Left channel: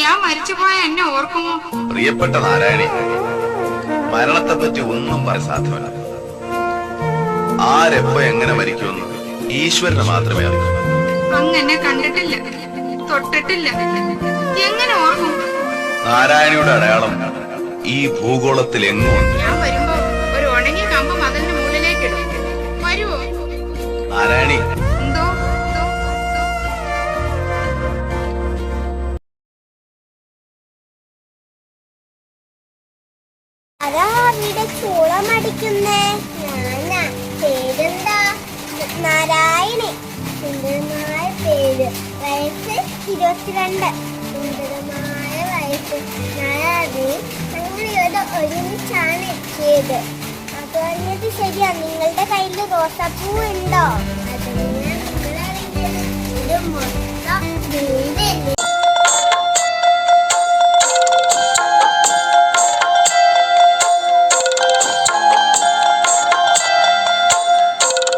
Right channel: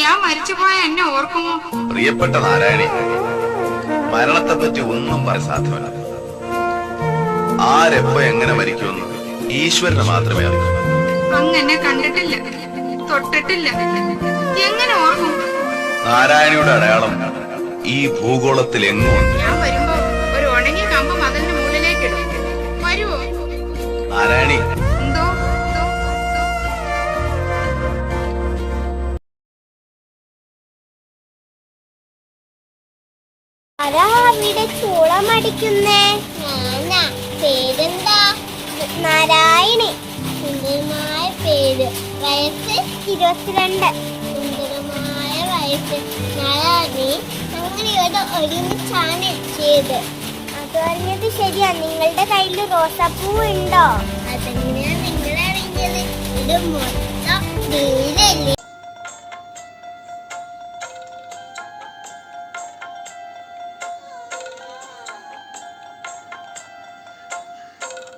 ഞാൻ മരിച്ചുപോയ എന്നെ ഓർക്കുമോ? പ്രിയപ്പെട്ട നാരായണി മരണത്തെ പറ്റി ഒന്നും പറയാൻ സാധ്യമല്ല. ആരെപ്പോ എങ്ങനെ മരിക്കുമെന്ന് ഈശ്വരനെ മാത്രമേ അറിയൂ. അങ്ങനെ കണ്ടിട്ടില്ല തൊട്ടിട്ടില്ല. എങ്ങനെ ഓർക്കും? നാരായണിയുടെ അടയാളം ഈ ഭൂഗോളത്തിൽ എങ്ങും ഞാൻ വരുമ്പോ ഒരു ഉണങ്ങിയ കമ്പ് മതിലിന്റെ മുകളിലേക്ക് ഇടും. വരുമോ നാരായണി ആരാ അവിടെ ചൂളം അടിക്കുന്നേ ഞാനാ. പേരെന്താ? നാരായണി. സുന്ദരമായ പേര്. വയസ്സ് ഇരുപത്തിരണ്ട്. സുന്ദരമായ വയസ്സ്. നാരായണി ഞങ്ങൾ ഇവിടെ ഒരുമിച്ചാണ് എത്തിയത്. അത് പറഞ്ഞത് ശരിയാ. നിങ്ങളുടെ കയ്യിൽ റോസാപ്പൂ ഉണ്ടോ? അതെങ്ങനെയാ നിങ്ങളറിഞ്ഞത്? ഇത്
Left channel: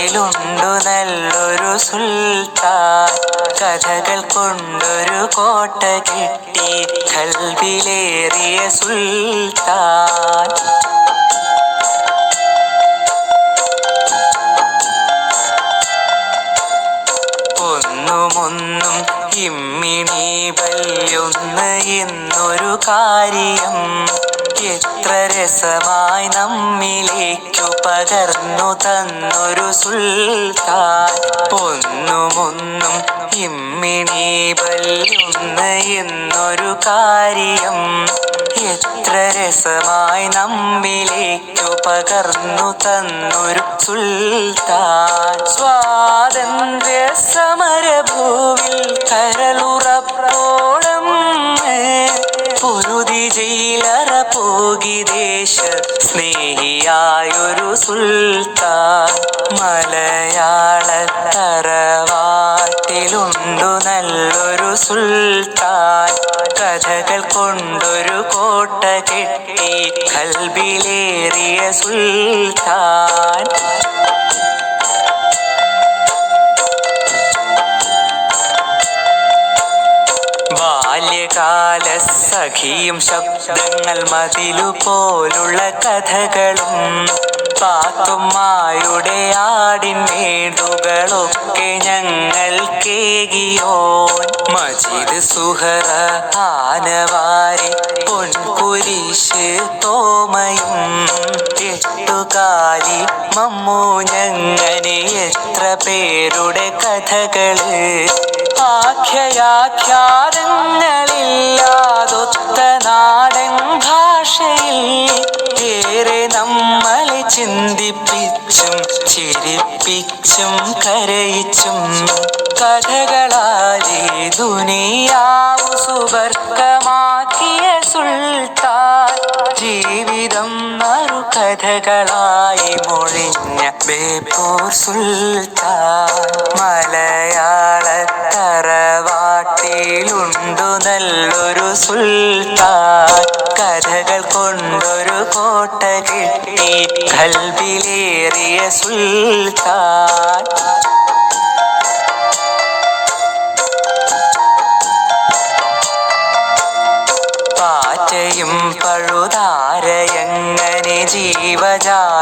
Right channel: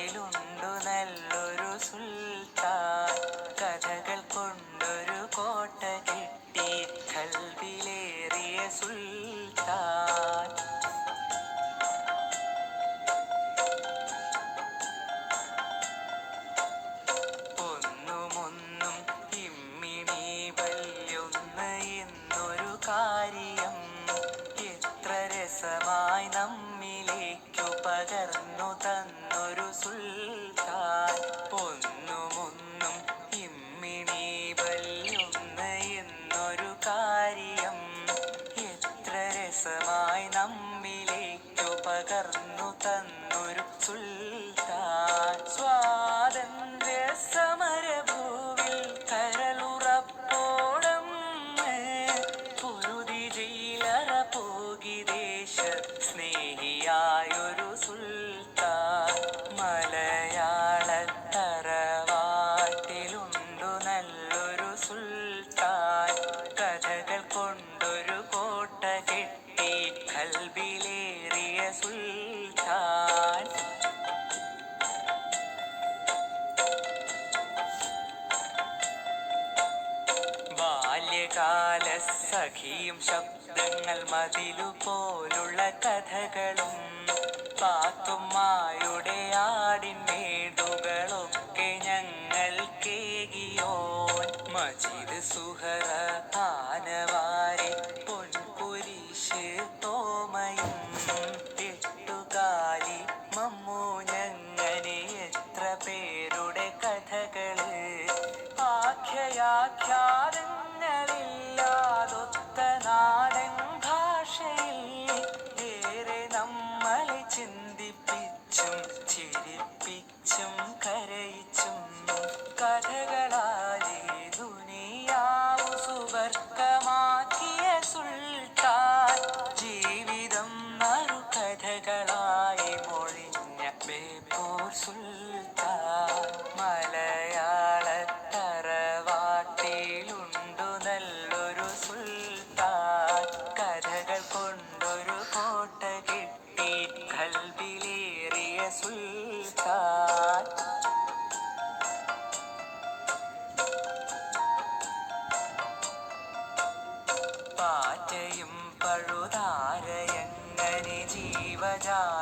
തറവാട്ടിലുണ്ടു നല്ലൊരു സുൽത്താൻ. കഥകൾ കൊണ്ടൊരു കോട്ട കിട്ടി. കൽവിലേറിയ സുൽത്താൻ. ഒന്നുമൊന്നും ഇമ്മിണി വല്യൊന്ന് എന്നൊരു കാര്യം. എത്ര രസമായി നമ്മിലേക്കു പകർന്നു തന്നൊരു സുൽത്താൻ. ഒന്നുമൊന്നും ഇമ്മിണി വല്യൊന്ന് എന്നൊരു കാര്യം. എത്ര രസമായി നമ്മിലേക്കു പകർന്നു തന്നൊരു സുൽത്താൻ. സ്വാതന്ത്ര്യ സുൽത്താൻ മലയാള തറവാട്ടിലുണ്ടു നല്ലൊരു സുൽത്താൻ. കഥകൾ കൊണ്ടൊരു കോട്ട കെട്ടി കൽബിലേറിയ സുൽത്താൻ. ബാല്യകാല സഖിയും ശബ്ദങ്ങൾ മതിലു പോലുള്ള കഥകളും പാത്തുമ്മായുടെ ആടിൻ മേടുകളൊക്കെ ഞങ്ങൾ കേകിയോൻ. മജീദ് സുഹറ ആനവാരി പൊൻകുരിശ് തോമയും എട്ടുകാലി മമ്മു ഞങ്ങനെ എത്ര പേരുടെ കഥകൾ. ആഖ്യയാഖ്യാതങ്ങളില്ലാതൊത്ത ചിരിപ്പിച്ചും കരയിച്ചും കഥകളാലേ ദുനിയാവു സുവർഗമാക്കിയ സുൽത്താൻ. ജീവിതം മറു കഥകളായി മൊഴിഞ്ഞ ബേപ്പൂർ സുൽത്താൻ. മലയാള തറവാട്ടിലുണ്ടു നല്ലൊരു സുൽത്താൻ. കഥകൾ കൊണ്ടൊരു കോട്ട കിട്ടി. കൽവിലേറിയ സുൽത്താൻ. ജീവജാലങ്ങളാകയും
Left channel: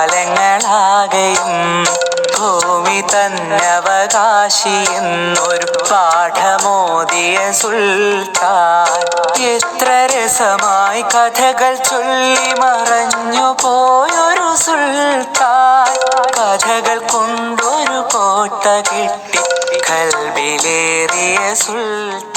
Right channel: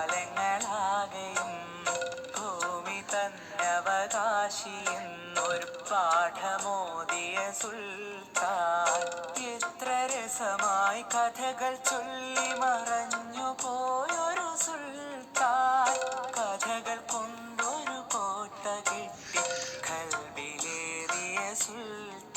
ഭൂമി തന്നവകാശി എന്നൊരു പാഠമോദിയ സുൽത്താൻ. എത്ര രസമായി കഥകൾ ചൊല്ലി മറഞ്ഞു പോയൊരു സുൽത്താൻ. കഥകൾ കൊണ്ടൊരു കോട്ട കെട്ടി കൽബിലേറിയ സുൽത്താൻ.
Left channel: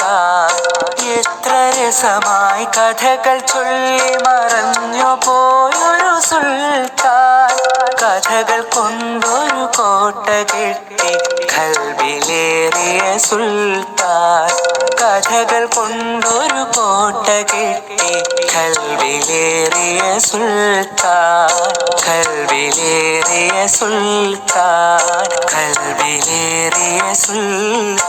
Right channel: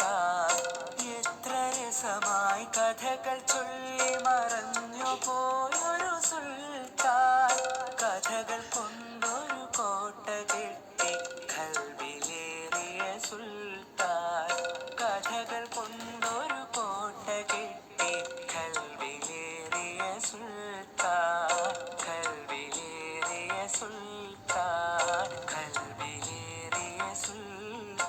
രസമായി കഥകൾ ചൊല്ലി മറഞ്ഞു പോയൊരു സുൽത്താൻ. കഥകൾ കൊണ്ടൊരു കോട്ട കെട്ടി കൽവിലേറിയ സുൽത്താൻ. കഥകൾ കൊണ്ടൊരു കോട്ട കെട്ടി കൽവിലേറിയ സുൽത്താൻ. കൽവിലേറിയ സുൽത്താൻ. കൽവിലേറിയ സുൽത്താൻ.